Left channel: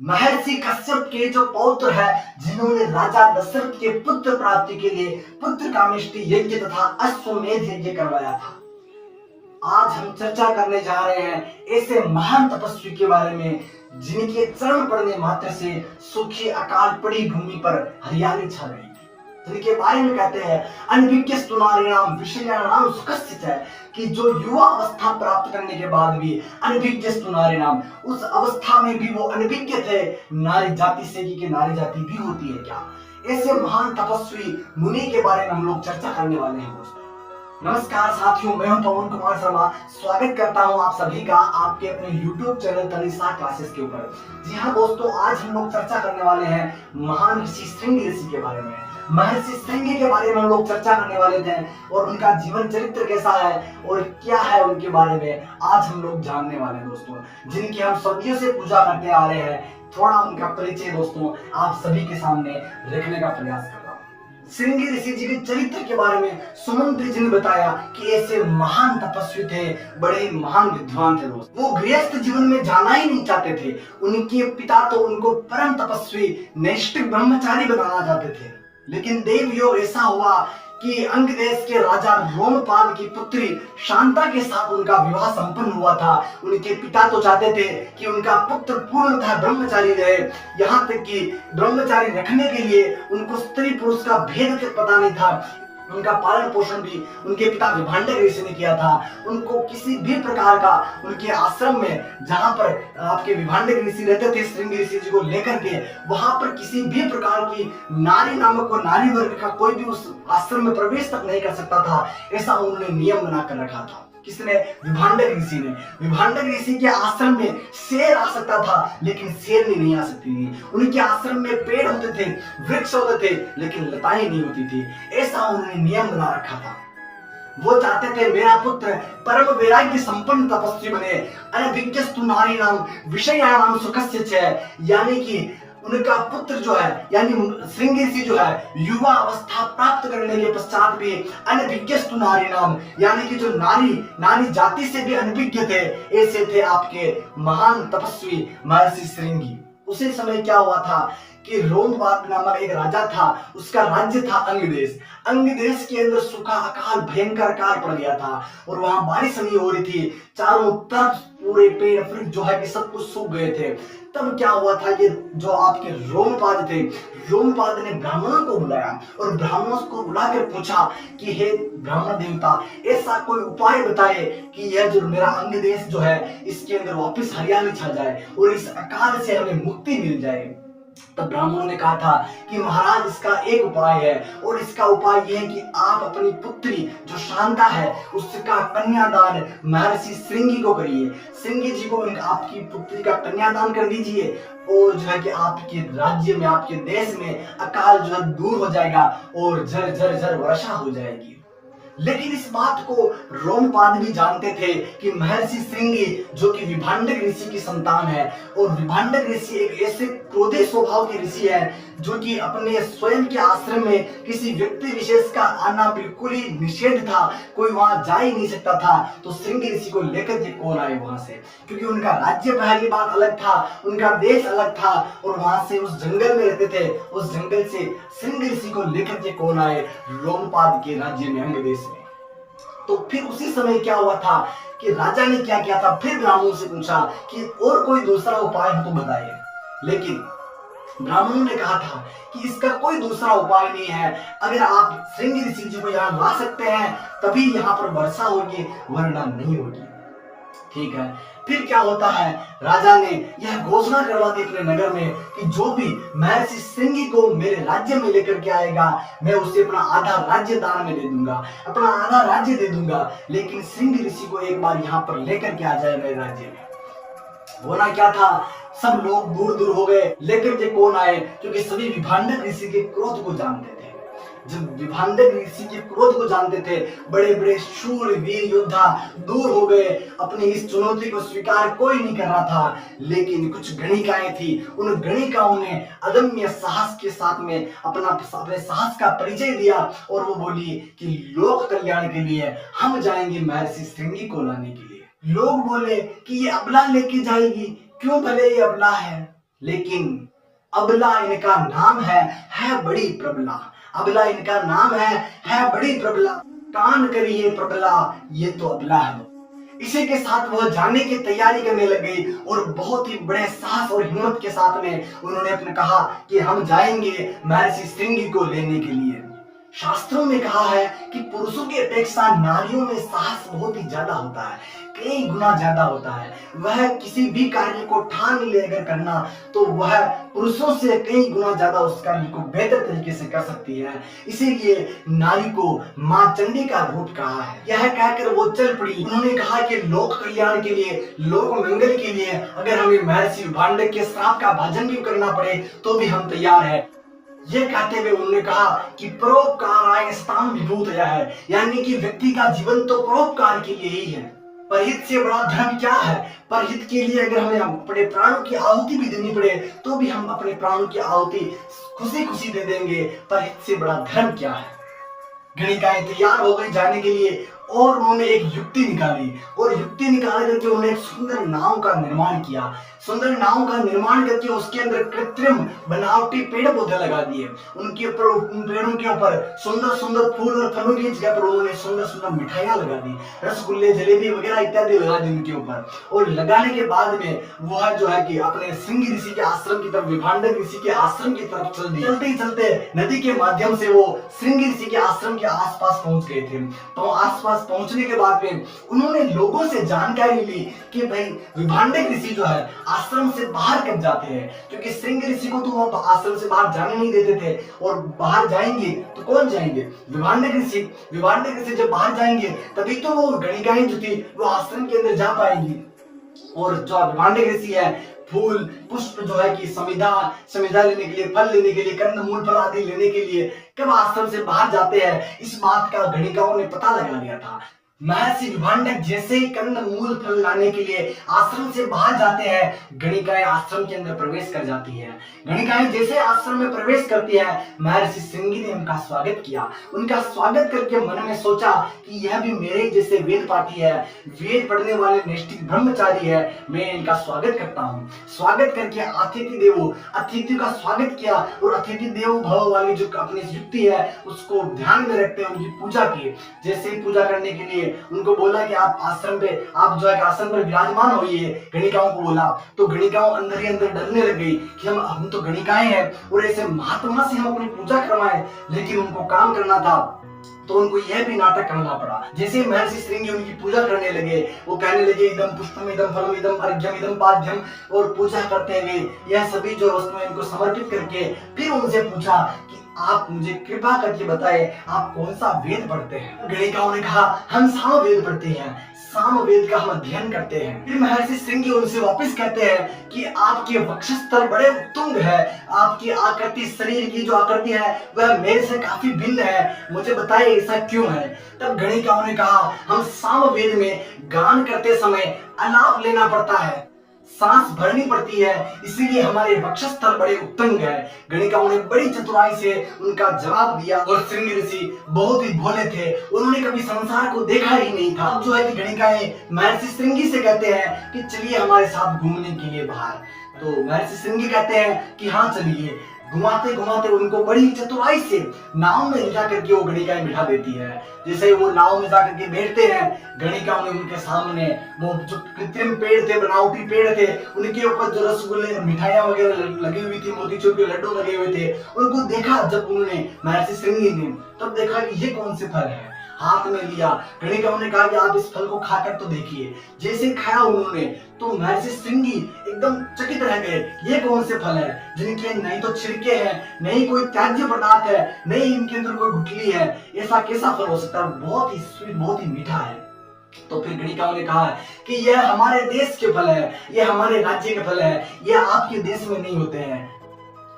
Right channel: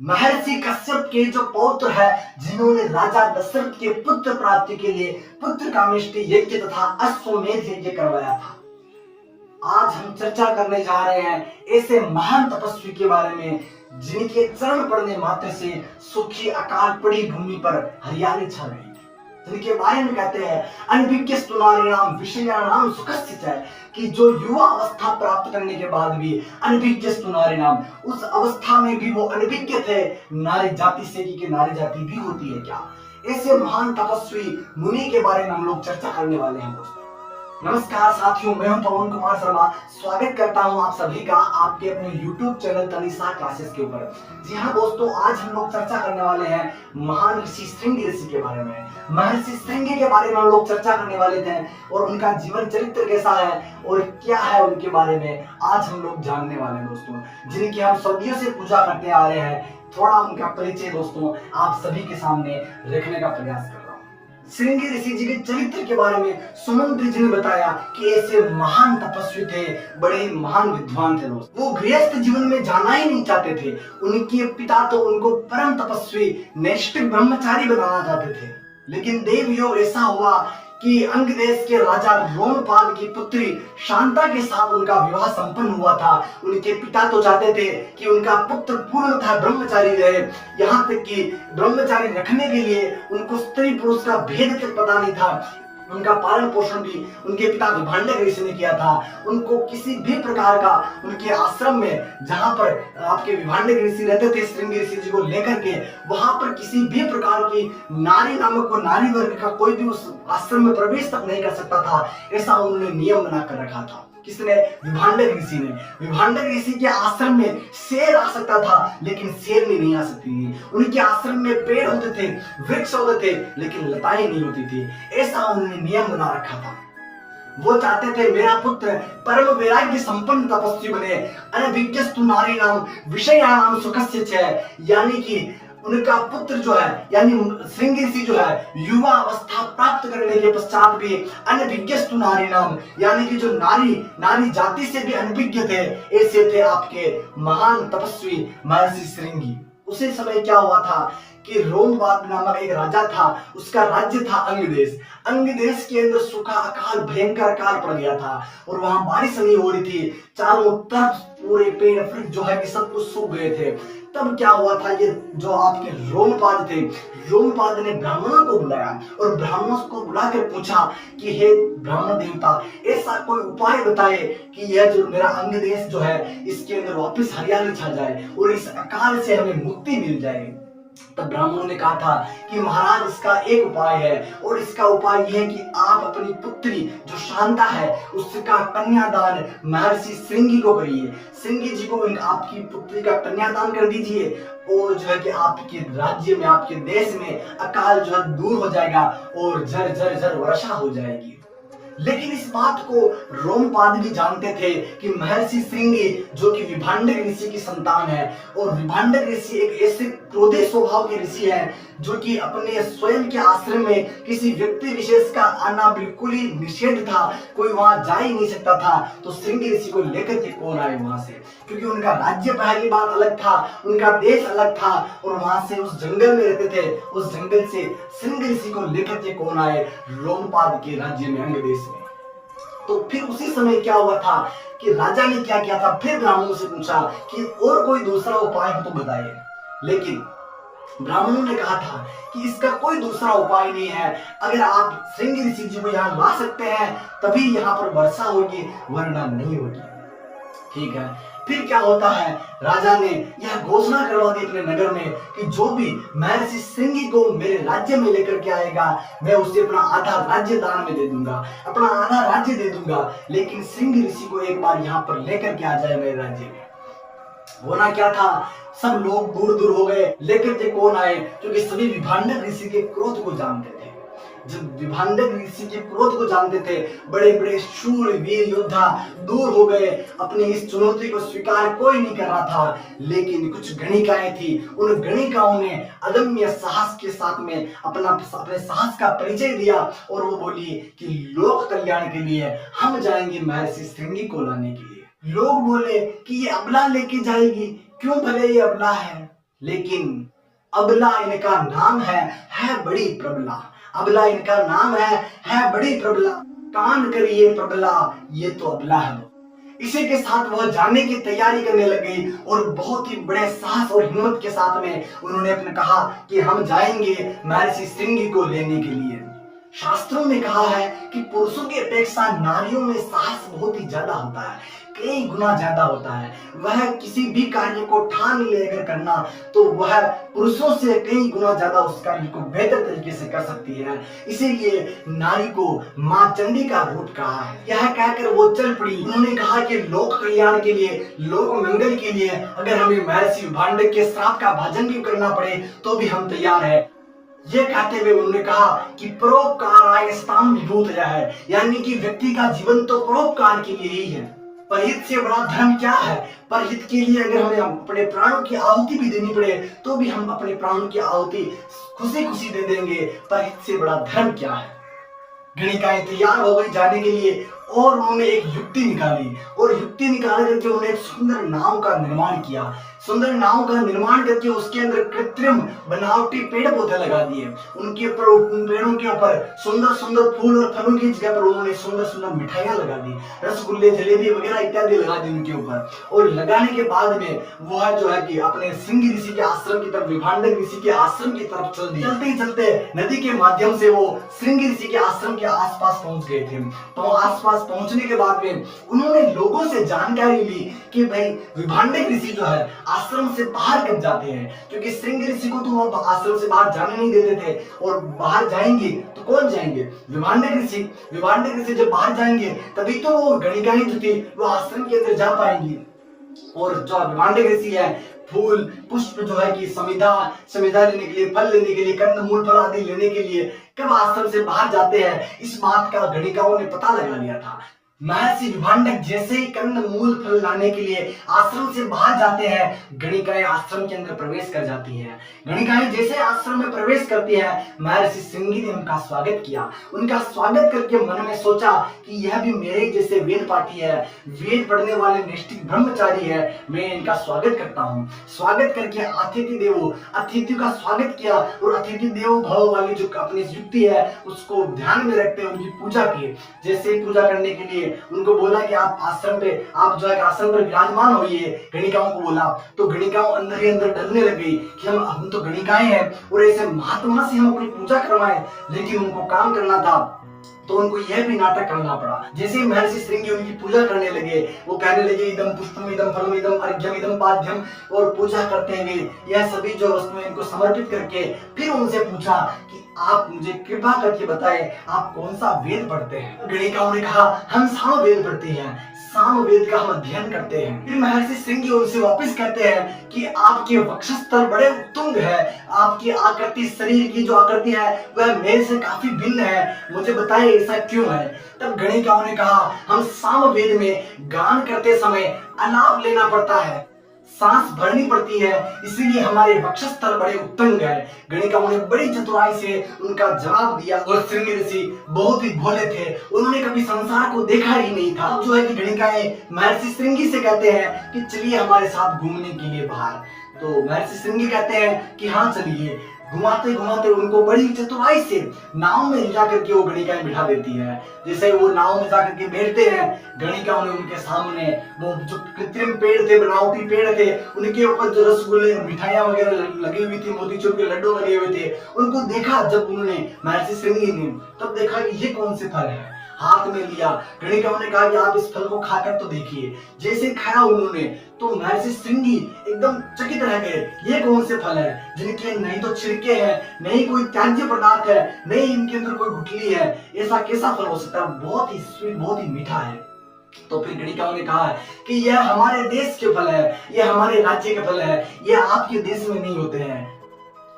महर्षि कश्यप के जो पौत्र है, जिन्होंने राजा दशरथ के पुत्र प्राप्ति के लिए पुत्र कामेष्टि यज्ञ तथा अश्वमेध यज्ञ करवाया था। आज हम चर्चा करने जा रहे हैं ऐसे महान तपस्वी के बारे में जिनके चरण पड़ने मात्र से सूखी अकाल पड़ी भूमि पर हरियाली छा गई, जिनके बारे में कहते हैं अनभिज्ञस्तु नारीणाम विषयाणाम सुखस्य च, कि जो युवा अवस्था प्राप्त करने के बाद भी अनभिज्ञस्तु नारीणाम, उस अवस्था में भी वो अनभिज्ञ थे नारी जाति से कि नारी जाति भी होती है क्या। ऐसे महान तपस्वी मुनि के बारे में हम लोग चर्चा करने वाले हैं दोस्तों। नमस्कार साथियों, मैं हूं पवन कुमार शर्मा। स्वागत करता हूं आप सभी का आपके अपने YouTube चैनल तनिषा क्लासेस के ऊपर। जी हाँ दोस्तों, आज हम लोग चर्चा करने वाले हैं महान ऋषि श्रृंगी ऋषि के बारे में। महर्षि श्रृंगी के बारे में हम लोग चर्चा करने वाले थे और उनका जीवन चरित्र कैसा है और क्या है उनके बारे में आज हम लोग जानने वाले हैं दोस्तों, जिनकी हम सदियों से पूजा करते आ रहे हैं। थोड़ा उनका परिचय दोस्तों आप सभी के सामने रखने का प्रयास कर रहा हूँ। श्रृंगी ऋषि जी के चरित्र के बारे में सुमंत्र जी ने बताया कि ऐसे महान तपस्वी थे, बड़े महान विद्वान थे दोस्त। वो गृहस्थ जीवन में जाना ही नहीं चाहते थे। उनके पिता तो उनको परम तपस्वी नैष्ठिक ब्रह्मचारी बनाना चाहते थे, लेकिन देव योग ऐसा हुआ कि अंग देश के राजा रोमपाद की पुत्री शांता के साथ उनका विवाह संपन्न हुआ था। उनके पिता तो चाहते थे कि उनका पुत्र पूर्णतः ब्रह्मचारी रहे, यहाँ तक कि ब्रह्मचारी रखने के लिए उनको स्त्री पुरुष का भेद तक पता नहीं था। उनका पालन पोषण भी उनके पिता विभांडक ऋषि ने किया था। उनको किसी भी प्रकार का उनके आश्रम में, जहां पर आपके विभांडक ऋषि रहते थे श्रृंगी ऋषि जी को लेकर के, वहां पर किसी भी प्रकार की नारी नामक को नारी वर्ग का कोई भी उस आश्रम में प्रवेश तक नहीं कर सकता था। ऐसा उन्होंने नियम बना कर रखा था। किसने? विभांडक ऋषि ने। विभांडक ऋषि के आश्रम में शेर आ सकता था, लेकिन शेरनी नहीं आ सकती थी। उनके आश्रम में पेड़ होते थे, वृक्ष होते थे, लेकिन लताएं नहीं होती थी। ऐसा उन्होंने नियम बना रखा था। वो चाहते थे मेरा पुत्र परम वैराग्य संपन्न तपस्वी बने। अनभिज्ञस्तु नारीणाम विषयाणाम सुखस्य च, यानी कि उनका पुत्र जो है, यानी श्रृंगी ऋषि जो है, युवा अवस्था प्राप्त करने के पश्चात भी अनभिज्ञस्तु नारीणाम, यानी कि जो नारी जाति से भी अनभिज्ञ थे, ऐसे थे आपके महान तपस्वी महर्षि श्रृंगी। उसी समय क्या हुआ था कि रोमपाद नामक एक राजा था, उसका राज्य था अंग देश। अंग देश के अंदर सूखा अकाल, भयंकर अकाल पड़ गया था और वहां बारिश नहीं हो रही थी। चारों तरफ पूरे पेड़ वृक्ष जो है कि सब कुछ सूख गए थे। तब क्या हुआ था कि जो आपके रोमपाद थे, रोमपाद ने ब्राह्मणों को बुलाया और ब्राह्मणों को बुलाकर पूछा कि हे ब्राह्मण देवता, ऐसा कोई उपाय बताए कि यह जो मेरा अंग देश जो है, इसके अंदर वापस हरियाली छा जाए और इस अकाल से हमें मुक्ति मिल जाए। तब ब्राह्मणों ने कहा था कि महाराज, इसका एक उपाय है और इसका उपाय यह है कि आप अपनी पुत्री जो शांता है उसका कन्यादान महर्षि श्रृंगी को करिए। श्रृंगी जी को आपकी पुत्री का कन्यादान कर दीजिए और जो है कि आपके राज्य में, आपके देश में अकाल जो है दूर हो जाएगा और झर झर झर वर्षा हो जाएगी। लेकिन इस बात को रोमपाद भी जानते थे कि महर्षि श्रृंगी जो कि विभांडक ऋषि की संतान है, और विभांडक ऋषि एक ऐसे क्रोधी स्वभाव के ऋषि है जो कि अपने स्वयं के आश्रम में किसी व्यक्ति विशेष का आना बिल्कुल ही निषेध था, कोई वहां जा ही नहीं सकता था। तो श्रृंगी ऋषि को लेकर के कौन आए वहां से, क्योंकि उनका राज्य पहली बात अलग था, उनका देश अलग था और वहां से उस जंगल में रहते थे। उस जंगल से श्रृंगी ऋषि को लेकर के कौन आए रोमपाद के राज्य में, अंग देश में। तो फिर उसी समय क्या हुआ था कि राजा ने क्या किया था, फिर ब्राह्मणों से पूछा कि और कोई दूसरा उपाय हो तो बताइए। लेकिन ब्राह्मणों ने कहा था कि इसका कोई दूसरा उपाय नहीं है, अगर आप श्रृंगी ऋषि जी को यहाँ ला सकते हैं तभी यहाँ पर वर्षा होगी, वरना नहीं होगी। ठीक है, फिर क्या होता है, राजा ने यह घोषणा करवा दी अपने नगर में कि जो भी महर्षि श्रृंगी को मेरे राज्य में लेकर के आएगा, मैं उसे अपना आधा राज्य दान में दे दूंगा, अपना आधा राज्य दे दूंगा, लेकिन श्रृंगी ऋषि को एक बार यहाँ पर लेकर के आ जाए मेरे राज्य में। होना क्या था, सब लोग दूर दूर हो गए। लेकर के कौन आए, क्योंकि सभी विभांडक ऋषि के क्रोध को जानते थे। जब विभांडक ऋषि के क्रोध को जानते थे, बड़े बड़े शूर वीर योद्धा दूर हो गए। अपनी इस चुनौती को स्वीकार कोई नहीं कर रहा था, लेकिन कुछ गणिकाएं थी। उन गणिकाओं ने अदम्य साहस के साथ में अपने साहस का परिचय दिया और वो बोली कि लोक कल्याण के लिए हम जाएंगे महर्षि श्रृंगी को लाने के लिए। लोग बोले कि ये अबला लेके जाएगी, क्यों भले ये अबला है, लेकिन अबला इनका नाम है बड़ी प्रबला। अबला इनका नाम है बड़ी प्रबला। कान करिए प्रबला, ये तो अबला है। इसी के साथ वह जाने की तैयारी करने लग गई और बहुत ही बड़े साहस और हिम्मत के साथ में उन्होंने अपने कहा कि हम जाएंगे महर्षि श्रृंगी को लेने के लिए। शास्त्रों में कहा है कि पुरुषों की अपेक्षा नारियों में साहस बहुत ही ज्यादा होता है, कई गुना ज्यादा होता है। वह किसी भी कार्य को ठान ले अगर करना तो वह पुरुषों से कई गुना ज्यादा उस कार्य को बेहतर तरीके से कर सकती है। इसीलिए नारी को मां चंडी का रूप कहा है। यह कहकर वो चल पड़ी। उन्होंने कहा कि लोक कल्याण के लिए, लोक मंगल के लिए अगर हमें महर्षि विभांडक के श्राप का भजन भी करना पड़े तो भी हम तैयार है। ये कहते हुए उन्होंने कहा कि परोपकाराय स्ताम विभूतयः है, यानी कि व्यक्ति का जीवन तो परोपकार के लिए ही है। परहित से बड़ा धर्म क्या है? परहित के लिए अगर हमें अपने प्राणों की आहुति भी देनी पड़े तो भी हम अपने प्राणों की आहुति खुशी खुशी दे देंगे। परहित से बड़ा धर्म क्या है? गणिकाएं तैयार हो गई जाने के लिए और उन्होंने एक युक्ति निकाली और युक्ति निकाल करके उन्होंने एक सुंदर नाव का निर्माण किया। सुंदर नाव का निर्माण करके उसके अंदर कृत्रिम बनावटी पेड़ पौधे लगा दिए। उनके ऊपर, उन पेड़ों के ऊपर सुंदर सुंदर फूल और फलों की जगह पर उन्होंने सुंदर सुंदर मिठाइयां लगा दी, रसगुल्ले जलेबी वगैरह इत्यादि लगा दी उनके ऊपर। और लगाने के बाद में वह जो है कि अपने श्रृंगी ऋषि के आश्रम की तरफ, विभांडक ऋषि के आश्रम की तरफ चल दी। चलते ही चलते नदी के माध्यम से वो श्रृंगी ऋषि के आश्रम के आसपास पहुंच गए थे। तो आसपास पहुंचने के बाद में उन्होंने लोगों से जानकारी ली कि भाई विभांडक ऋषि जो है आश्रम से बाहर कब जाते हैं, क्योंकि श्रृंगी ऋषि को तो वो आश्रम से बाहर जाने नहीं देते थे और बाहर जाएंगे तो कौन जाएंगे? विभांडक ऋषि। विभांडक ऋषि जब बाहर जाएंगे तभी तो वो गणिकाएं जो थी वो आश्रम के अंदर जा पाएंगी। और जो विभांडक ऋषि है फूल पुष्प जो है कि समिधा लेने के लिए, फल लेने के लिए, कंद मूल फल आदि लेने के लिए कब आश्रम से बाहर जाते हैं, इस बात का गणिकाओं ने पता लगा लिया था। महर्षि विभांडक जैसे ही कंद मूल फल लाने के लिए आश्रम से बाहर जाते हैं, गणिकाएं आश्रम के अंदर प्रवेश कर जाती हैं। गणिकाएं जैसे आश्रम में प्रवेश करती है, महर्षि श्रृंगी ने उनका स्वागत किया। उनका स्वागत करके मन में सोचा कि यह भी मेरे जैसे वेद पाठी है, वेद पढ़ने वाले नैष्ठिक ब्रह्मचारी है, मैं इनका स्वागत करता हूँ। स्वागत करके अतिथि का स्वागत किया और अतिथि देवो भव वाली जो अपनी युक्ति है उसको ध्यान में रखते हुए उनकी पूजा की। जैसे पूजा करने के लिए उनको बोला कि आप आश्रम पे, आप जो है आसन पर विराजमान होइए, गणिकाओं को बोला। तो गणिकाओं अंदर ही अंदर डरने लग गई कि हम तो गणिकाएं हैं और ऐसे महात्मा से हम अपनी पूजा करवाएं, लेकिन उनको काम करना था तो उनको यह भी नाटक करना पड़ा। जैसे महर्षि श्रृंगी उनकी पूजा करने लगे, वो कहने लगे इदम पुष्पम इदम फलम इदम अर्घ्यम इदम पाद्यम, और पूजा करते हुए यह सभी जो वस्तुएं इनको समर्पित करके फिर उनसे पूछा कि आप मुझे कृपा करके बताएं आप कौन सा वेद पढ़ते हैं। गणिकाओं ने कहा हम साम वेद पढ़ते हैं, साम वेद का हम अध्ययन करते हैं। फिर महर्षि श्रृंगी उनसे वापस कहते हैं कि आपके वक्षस्थल बड़े उत्तुंग है, आपकी आकृति, शरीर की जो आकृति है वह मेरे से काफी भिन्न है, मुझे बताइए ऐसा क्यों है। तब गणिकाओं ने कहा हम साम वेद में गान करते समय अलाप लेना पड़ता है, सांस भरनी पड़ती है, इसीलिए हमारे वक्षस्थल बड़े उत्तुंग है। गणिकाओं ने बड़ी चतुराई से उनका जवाब दिया। और श्रृंगी ऋषि बहुत ही भोले थे, उन्होंने कभी संसार को देखा ही नहीं था। जो है कि गणिकाएं महर्षि श्रृंगी से कहते हैं कि चलिए हमारे साथ घूमने के लिए बाहर। तो महर्षि श्रृंगी कहते हैं कि हाँ चलिए। घुमाते घुमाते उनको बड़ी चतुराई से नाव में ले जाकर के वो गणिकाएं बिठा देती है। जैसे वो नाव में जाकर के बैठते हैं, गणिकाओं ने उनके सामने वो जो कृत्रिम पेड़ थे, बनावटी पेड़ थे, उनके ऊपर जो रसगुल्ले मिठाइयां वगैरह लगी हुई थी, मोतीचूर के लड्डू लगे हुए थे, उनको देखा। जब उन्होंने महर्षि श्रृंगी ने तब देखा कि ये कौन से फल है, हाथ में लिया। गणिकाओं ने कहा कि आप इस फल को खाकर तो देखिए। जैसे खाया उन्होंने तो महर्षि श्रृंगी एकदम चकित रह गए, ये कौन से फल है जिनके नहीं तो छिलके हैं, नहीं कोई त्याज्य पदार्थ है, नहीं इनके अंदर कोई गुठली है, ऐसा कैसा फल हो सकता है, बहुत ही स्वीट, बहुत ही मीठा है। तो फिर गणिकाओं ने कहा कि यह हमारे देश के फल है, यह हमारे राज्य के फल है, यह आपके देश में नहीं होते हैं,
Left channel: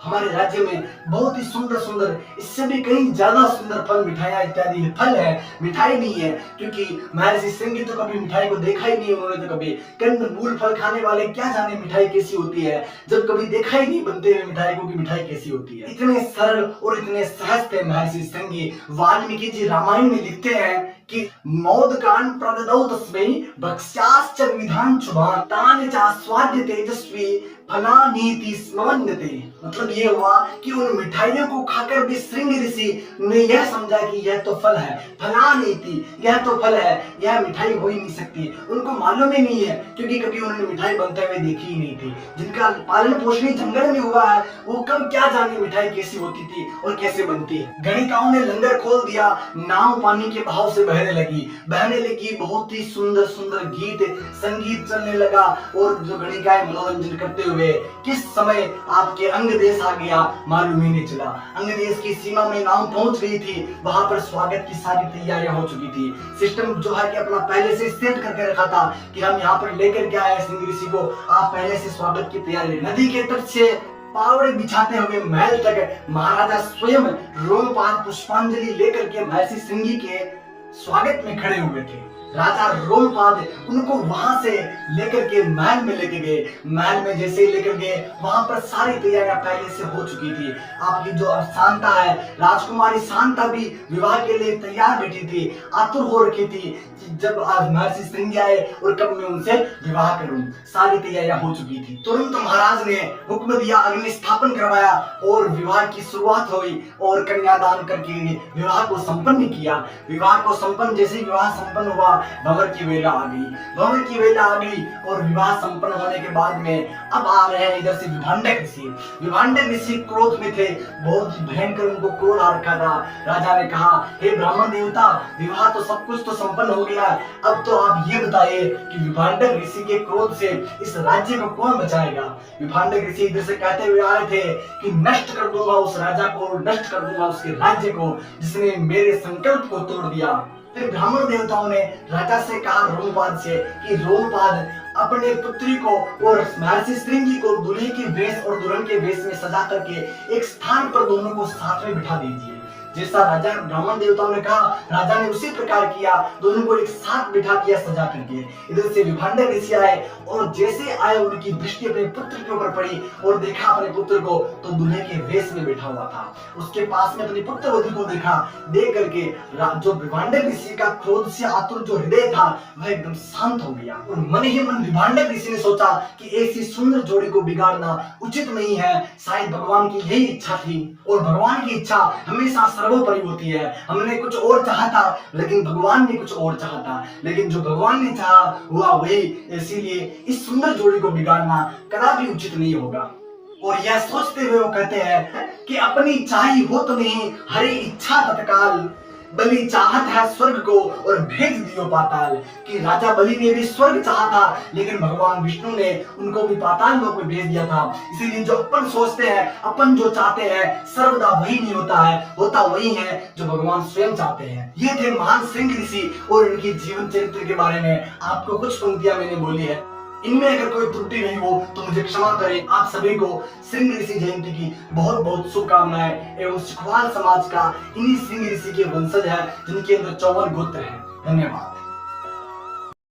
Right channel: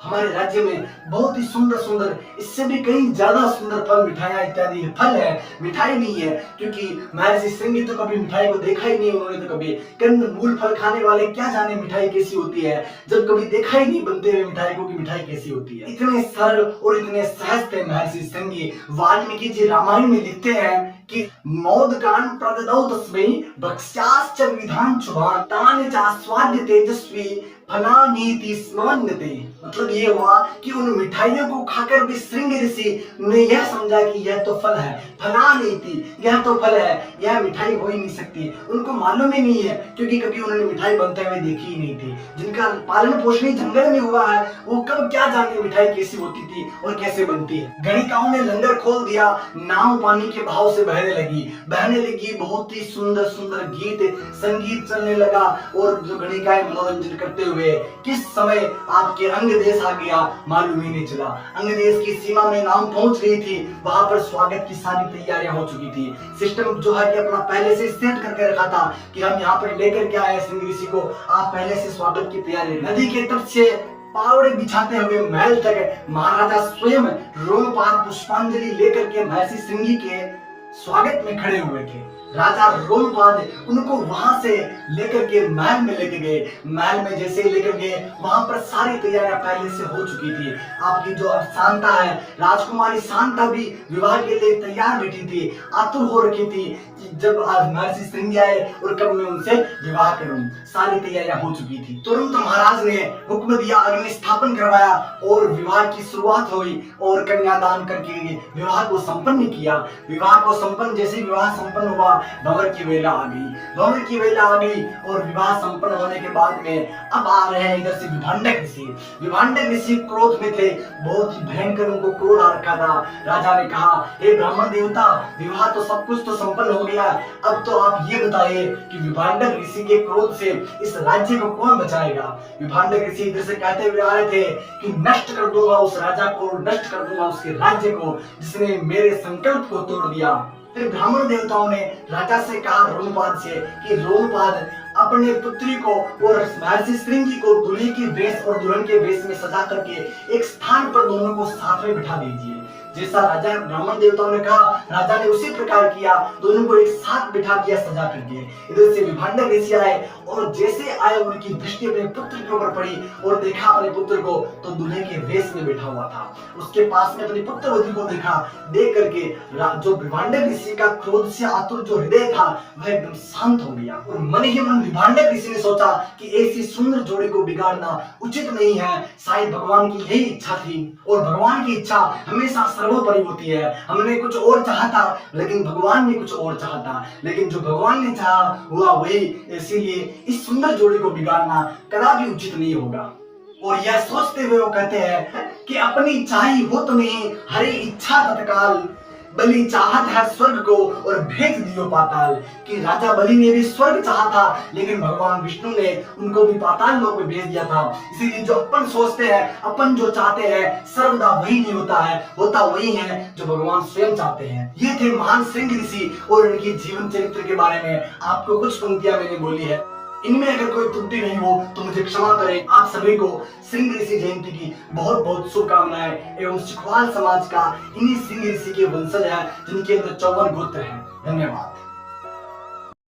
हमारे राज्य में बहुत ही सुंदर सुंदर, इससे भी कहीं ज्यादा सुंदर फल, मिठाइयां इत्यादि फल है, मिठाई नहीं है। क्योंकि महर्षि श्रृंगी तो कभी मिठाई को देखा ही नहीं, उन्होंने तो कभी कंद मूल फल खाने वाले क्या जाने मिठाई कैसी होती है, जब कभी देखा ही नहीं बनते हुए मिठाई को कि मिठाई कैसी होती है। इतने सरल और इतने सहज थे महर्षि श्रृंगी। वाल्मीकि जी रामायण में लिखते हैं कि मोदकान प्रददौ तस्मै भक्ष्याश्च विधान शुभान तानि चास्वाद्य तेजस्वी फला नीति स्मवन्यते, मतलब ये हुआ कि उन मिठाइयों को खाकर भी श्रृंग ऋषि ने यह समझा कि यह तो फल है, फला नीति, यह तो फल है, यह मिठाई हो ही नहीं सकती। उनको मालूम ही नहीं है, क्योंकि कभी उन्होंने मिठाई बनते हुए देखी ही नहीं थी। जिनका पालन पोषण जंगल में हुआ है वो कब क्या जाने मिठाई कैसी होती थी और कैसे बनती है। गणिकाओं ने लंगर खोल दिया, नाव पानी के बहाव से बहने लगी। बहुत ही सुंदर सुंदर गीत संगीत चलने लगा और जो गणिकाएं मनोरंजन करते हुए किस समय आपके अंग देश आ गया मालूम ही नहीं चला। अंग देश की सीमा में नाव पहुंच गई थी, वहां पर स्वागत की सारी तैयारियां हो चुकी थी। सिस्टम जो है कि अपना पहले से सेट करके रखा था कि हम यहाँ पर लेकर के आए श्रृंग ऋषि को, आप पहले से स्वागत की तैयारी। नदी के तट से पावड़े बिछाते हुए महल तक महाराजा स्वयं रोमपाद पुष्पांजलि लेकर के महर्षि श्रृंगी के स्वागत में खड़े हुए थे। राजा रोमपाद उनको वहां से लेकर के महल में लेके गए। महल में जैसे ही लेकर गए वहां पर सारी तैयारियां पहले से हो चुकी थी। आपकी जो शांता है, राजकुमारी शांता भी विवाह के लिए तैयार बैठी थी, आतुर हो रखी थी कि जब आज महर्षि श्रृंगी आए और कब मैं उनसे विवाह करूं। सारी तैयारियां हो चुकी थी। तुरंत महाराज ने हुक्म दिया, अग्नि स्थापन करवाया और विवाह की शुरुआत हुई और कन्यादान करके विवाह को संपन्न किया। विवाह को संपन्न, जैसे विवाह संपन्न हुआ भंवर की वेला आ गई और विवाह संपन्न होने के बाद में अब आ रहे हैं इधर से विभांडक ऋषि क्रोध में थे, बहुत ही भयंकर उनको क्रोध आ रखा था। राजा ने कहा, हे ब्राह्मण देवता, विवाह तो सब कुछ तो संपन्न हो गया, अब तो आप ये बताइए कि विभांडक ऋषि के क्रोध से इस राज्य को कौन बचाएगा। विभांडक ऋषि इधर से कहते हुए आ रहे थे कि नष्ट कर दूंगा उस राजा को, नष्ट कर दूंगा उसके राज्य को जिसने मेरे संकल्प को तोड़ दिया। फिर ब्राह्मण देवताओं ने राजा से कहा रोमपाद से कि रोमपाद अपने पुत्री को और महर्षि श्रृंगी को दूल्हे के वेश और दुल्हन के वेश में सजा करके एक स्थान पर दोनों को साथ में बिठा दीजिए। जैसा राजा ब्राह्मण देवताओं ने कहा, राजा ने उसी प्रकार किया, दोनों को एक साथ बिठा दिया सजा करके। इधर से विभांडक ऋषि आए और जैसे आए उनकी दृष्टि अपने पुत्र के ऊपर पड़ी और देखा अपने पुत्र को तो दूल्हे के वेश में बैठा हुआ था। उसके पास में अपनी पुत्रवधू को देखा, देख करके जो विभांडक ऋषि का क्रोध से आतुर जो हृदय था वह एकदम शांत हो गया और मन ही मन विभांडक ऋषि ने सोचा कि ऐसी सुंदर जोड़ी को बिगाड़ना उचित नहीं है। शायद भगवान की यही इच्छा थी और भगवान की इच्छा हमेशा सर्वोपरि होती है। हमने कुछ और चाहा था लेकिन भगवान ने कुछ और चाहा था, लेकिन जो भगवान ने चाहा हुआ वही, इसीलिए इस सुंदर जोड़ी को बिगाड़ना कदापि उचित नहीं होगा। और यह सोचते हुए वो कहते हैं कि अपनी चाही हो तो नहीं, हरी इच्छा तत्काल, बलि चाहत है स्वर्ग को और भेज दियो पाताल। कि राजा बलि ने भी स्वर्ग चाहा था लेकिन भगवान विष्णु ने उनको भी पाताल लोक में भेज दिया था। इसीलिए जो अपन सोचते हैं, अपन जो चाहते हैं, सर्वदा वही नहीं होता है, होता वही है जो भगवान स्वयं चाहते हैं। ये थे महान श्रृंग ऋषि और इनकी जीवन चरित्र के बारे में आपको कुछ पंक्तियां मैंने बोली है। इनमें अगर कोई त्रुटि नहीं हो तो मुझे क्षमा करें। आप सभी को श्रृंग ऋषि जयंती की बहुत बहुत शुभकामनाएं एवं सिखवाल समाज का इन्हीं श्रृंग ऋषि के वंशज है जिनके अंदर 54 गोत्र हैं। धन्यवाद।